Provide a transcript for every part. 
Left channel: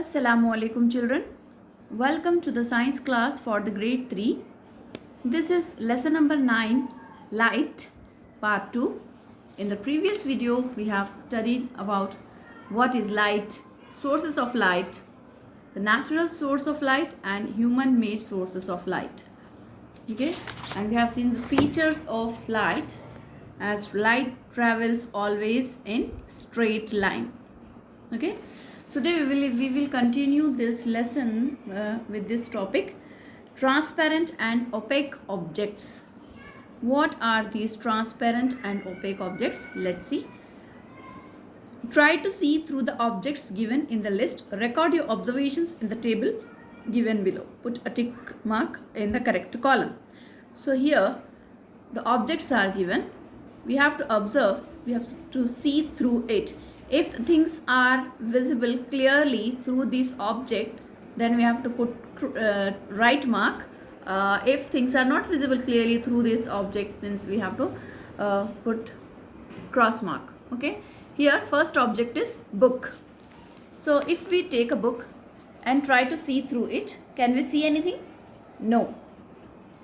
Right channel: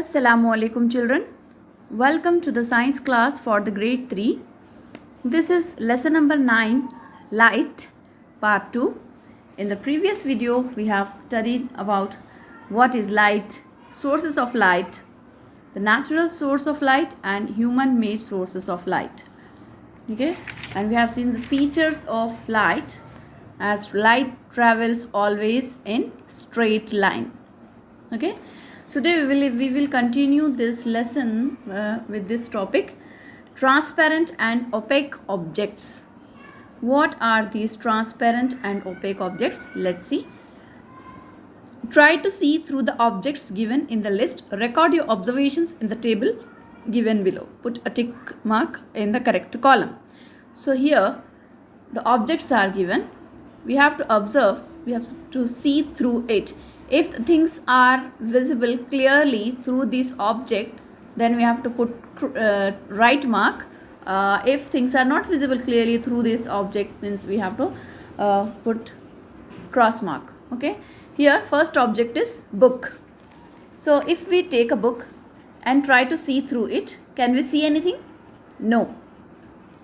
Assalamu alaikum children. Welcome to the science class for the grade 3. This is lesson number 9, light, part 2. In the previous video we have studied about what is light, sources of light, the natural source of light and human made sources of light. Okay, and we have seen the features of light, as light travels always in straight line. Okay, today we will continue this lesson with this topic, transparent and opaque objects. What are these transparent and opaque objects? Let's see. Try to see through the objects given in the list. Record your observations in the table given below. Put a tick mark in the correct column. So here the objects are given. We have to observe, we have to see through it. If things are visible clearly through this object, then we have to put right mark. If things are not visible clearly through this object, means we have to put cross mark. Okay, here first object is book. So if we take a book and try to see through it, can we see anything? No,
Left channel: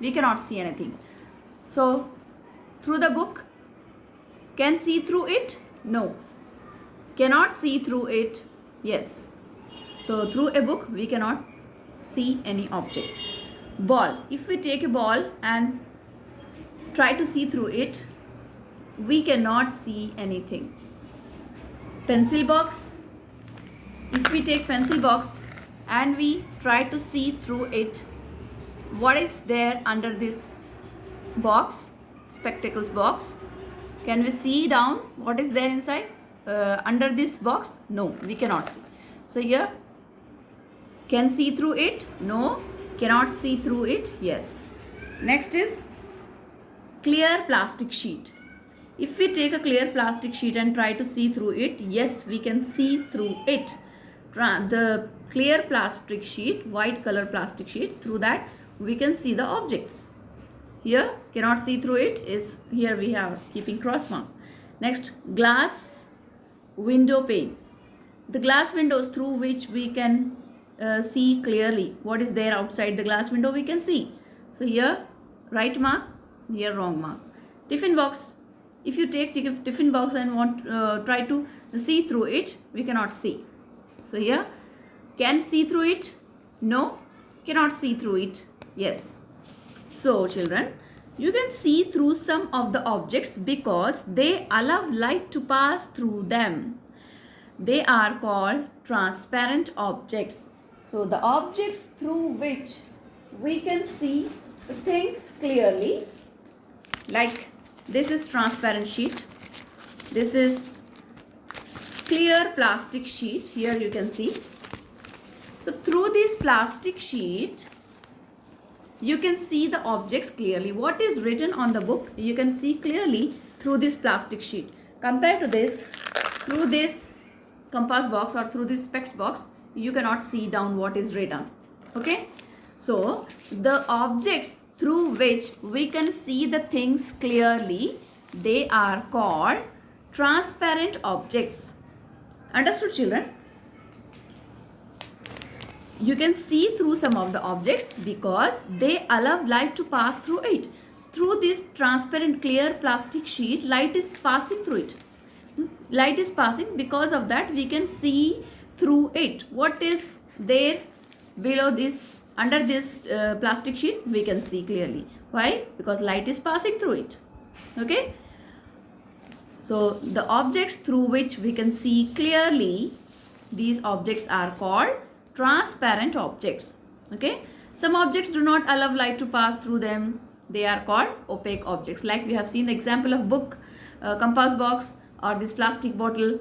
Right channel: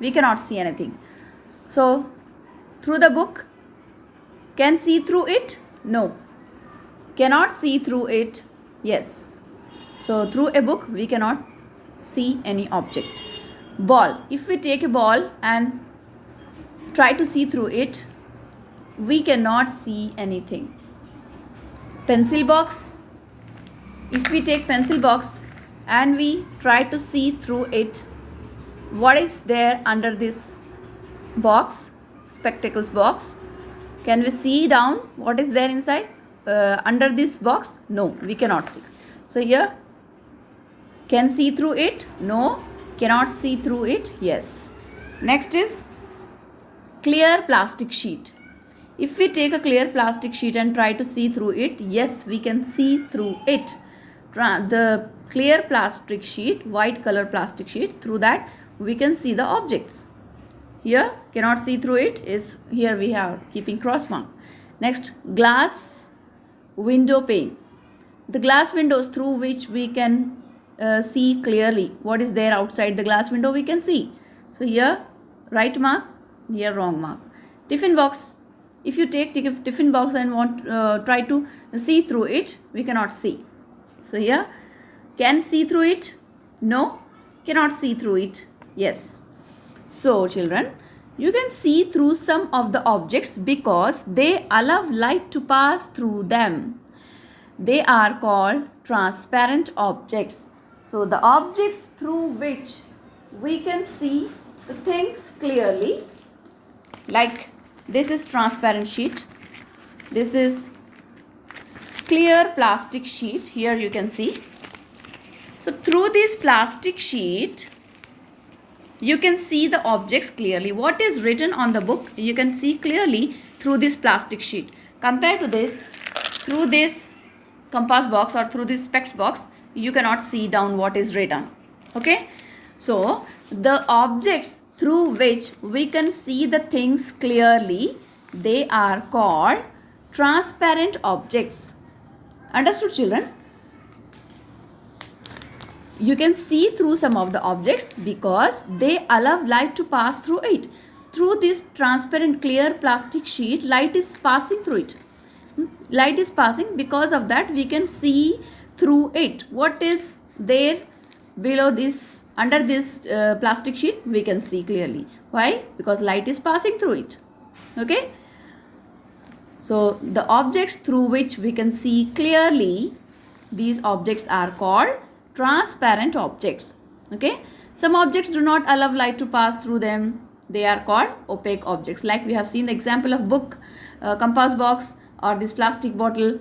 we cannot see anything. So through the book, can see through it? No. Cannot see through it? Yes. So through a book we cannot see any object. Ball. If we take a ball and try to see through it, we cannot see anything. Pencil box. If we take pencil box and we try to see through it, what is there under this box? Spectacles box. Can we see down what is there inside? Under this box? No, we cannot see. So here, can see through it? No. Cannot see through it? Yes. Next is clear plastic sheet. If we take a clear plastic sheet and try to see through it, yes, we can see through it. The clear plastic sheet, white color plastic sheet, through that we can see the objects. Here, cannot see through it is, here we have keeping cross mark. Next, glass window pane. The glass windows through which we can see clearly what is there outside the glass window, we can see. So here right mark, here wrong mark. Tiffin box. If you take tiffin box and want try to see through it, we cannot see. So here, can see through it? No. Cannot see through it? Yes. So children, you can see through some of the objects because they allow light to pass through them. They are called transparent objects. So the objects through which we can see the things clearly, like this is transparent sheet, this is clear plastic sheet, here you can see. So through this plastic sheet, you can see the objects clearly. What is written on the book, you can see clearly through this plastic sheet. Compared to this, through this compass box or through this specs box, you cannot see down what is written. Okay, so the objects through which we can see the things clearly, they are called transparent objects. Understood children? You can see through some of the objects because they allow light to pass through it. Through this transparent clear plastic sheet, light is passing through it. Light is passing, because of that we can see through it. What is there below this, under this plastic sheet, we can see clearly. Why? Because light is passing through it. Okay. So the objects through which we can see clearly, these objects are called transparent objects. Okay, some objects do not allow light to pass through them. They are called opaque objects. Like we have seen the example of book, compass box, or this plastic bottle.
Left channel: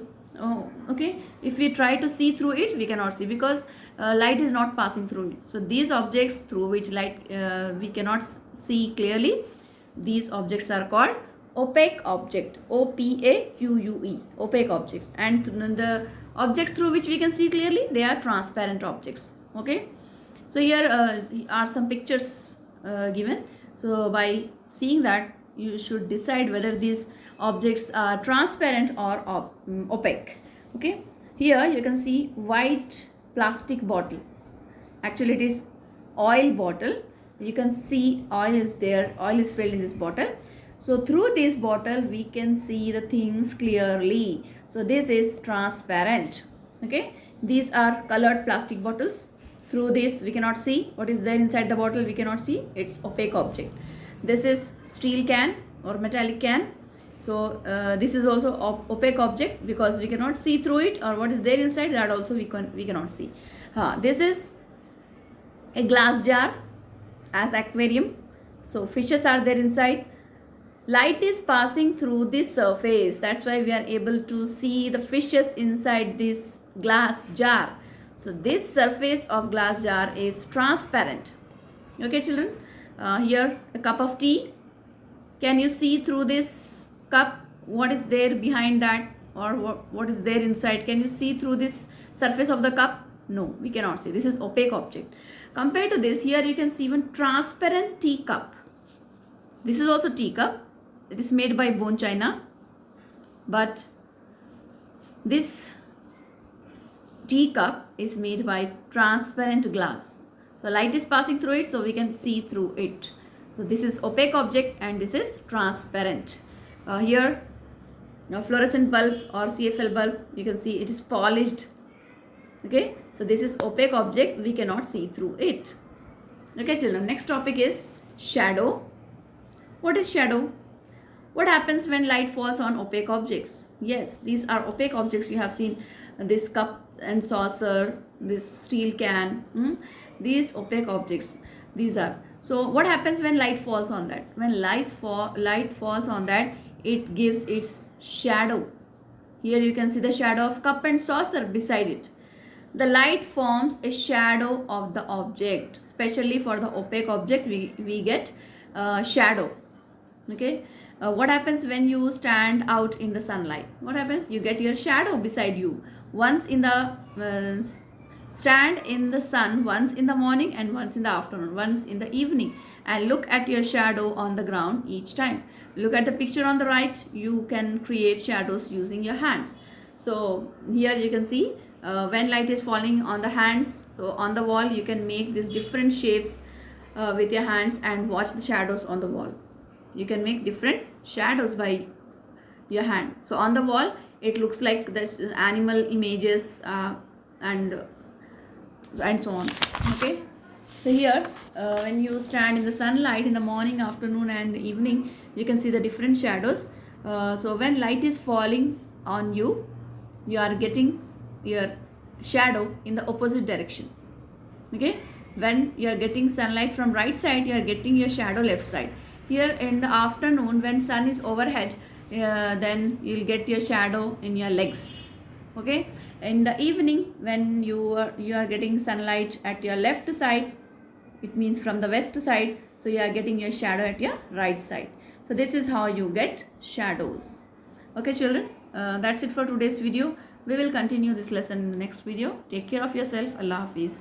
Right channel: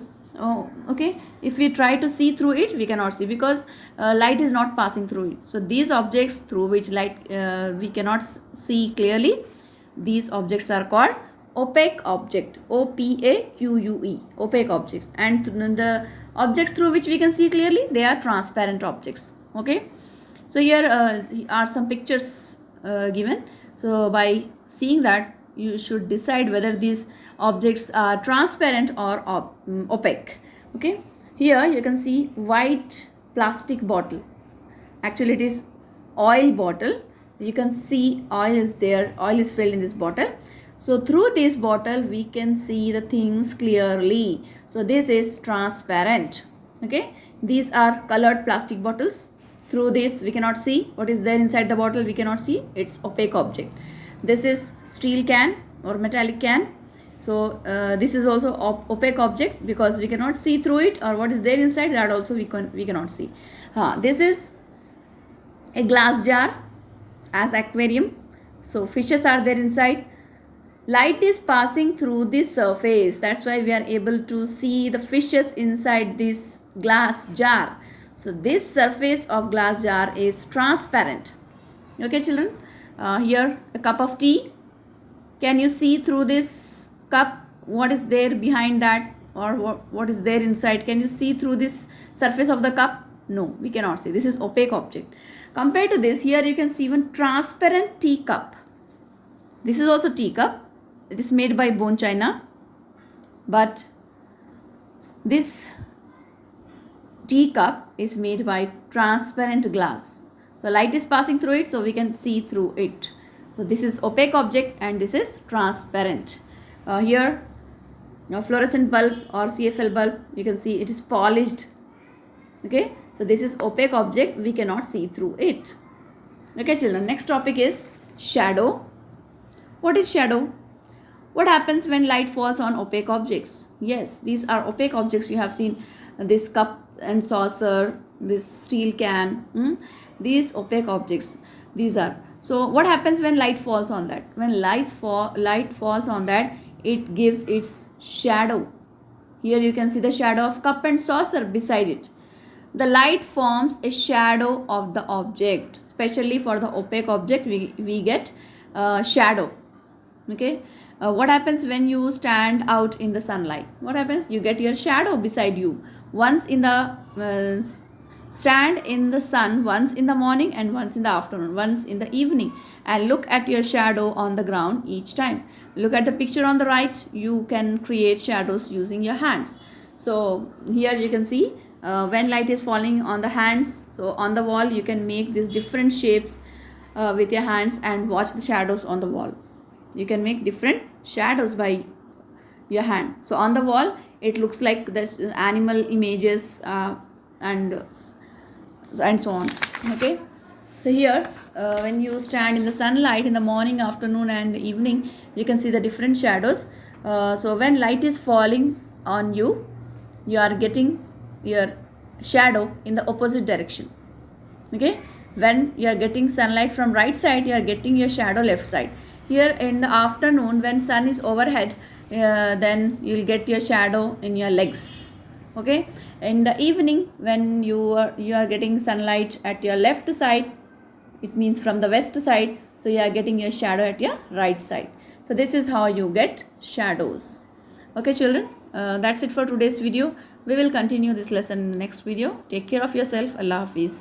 Okay, if we try to see through it, we cannot see because light is not passing through it. So these objects through which light we cannot see clearly, these objects are called opaque object. O-P-A-Q-U-E, opaque objects. And the objects through which we can see clearly, they are transparent objects. Okay, so here are some pictures given. So by seeing that, you should decide whether these objects are transparent or opaque. Okay, here you can see white plastic bottle. Actually it is oil bottle. You can see oil is there, oil is filled in this bottle. So through this bottle we can see the things clearly. So this is transparent. Okay, these are colored plastic bottles. Through this we cannot see what is there inside the bottle. We cannot see, it's opaque object. This is steel can or metallic can. So this is also opaque object because we cannot see through it, or what is there inside, that also we cannot see. This is a glass jar as aquarium. So fishes are there inside. Light is passing through this surface, that's why we are able to see the fishes inside this glass jar. So this surface of glass jar is transparent. Okay children, here a cup of tea. Can you see through this cup what is there behind that, or what is there inside? Can you see through this surface of the cup? No, we cannot see. This is opaque object. Compared to this, here you can see one transparent tea cup. This is also tea cup. It is made by bone china, but this tea cup is made by transparent glass. So light is passing through it, so we can see through it. So this is opaque object and this is transparent. Here a fluorescent bulb or CFL bulb, you can see it is polished. Okay, so this is opaque object, we cannot see through it. Okay children, next topic is shadow. What is shadow? What happens when light falls on opaque objects? Yes, these are opaque objects. You have seen this cup and saucer, this steel can, these opaque objects, these are. So what happens when light falls on that? When light falls on that, it gives its shadow. Here you can see the shadow of cup and saucer beside it. The light forms a shadow of the object. Especially for the opaque object, we get shadow. Okay. What happens when you stand out in the sunlight? What happens? You get your shadow beside you. Once in the stand in the sun, once in the morning and once in the afternoon, once in the evening, and look at your shadow on the ground each time. Look at the picture on the right. You can create shadows using your hands. So here you can see when light is falling on the hands, so on the wall you can make these different shapes with your hands and watch the shadows on the wall. You can make different shadows by your hand. So on the wall it looks like there's animal images and so on. Okay, so here when you stand in the sunlight in the morning, afternoon and evening, you can see the different shadows. So when light is falling on you, you are getting your shadow in the opposite direction. Okay, when you are getting sunlight from right side, you are getting your shadow left side. Here in the afternoon when sun is overhead, then you will get your shadow in your legs. Okay, in the evening when you are getting sunlight at your left side, it means from the west side, so you are getting your shadow at your right side. So this is how you get shadows. Okay children, that's it for today's video. We will continue this lesson in the next video. Take care of yourself. Allah Hafiz.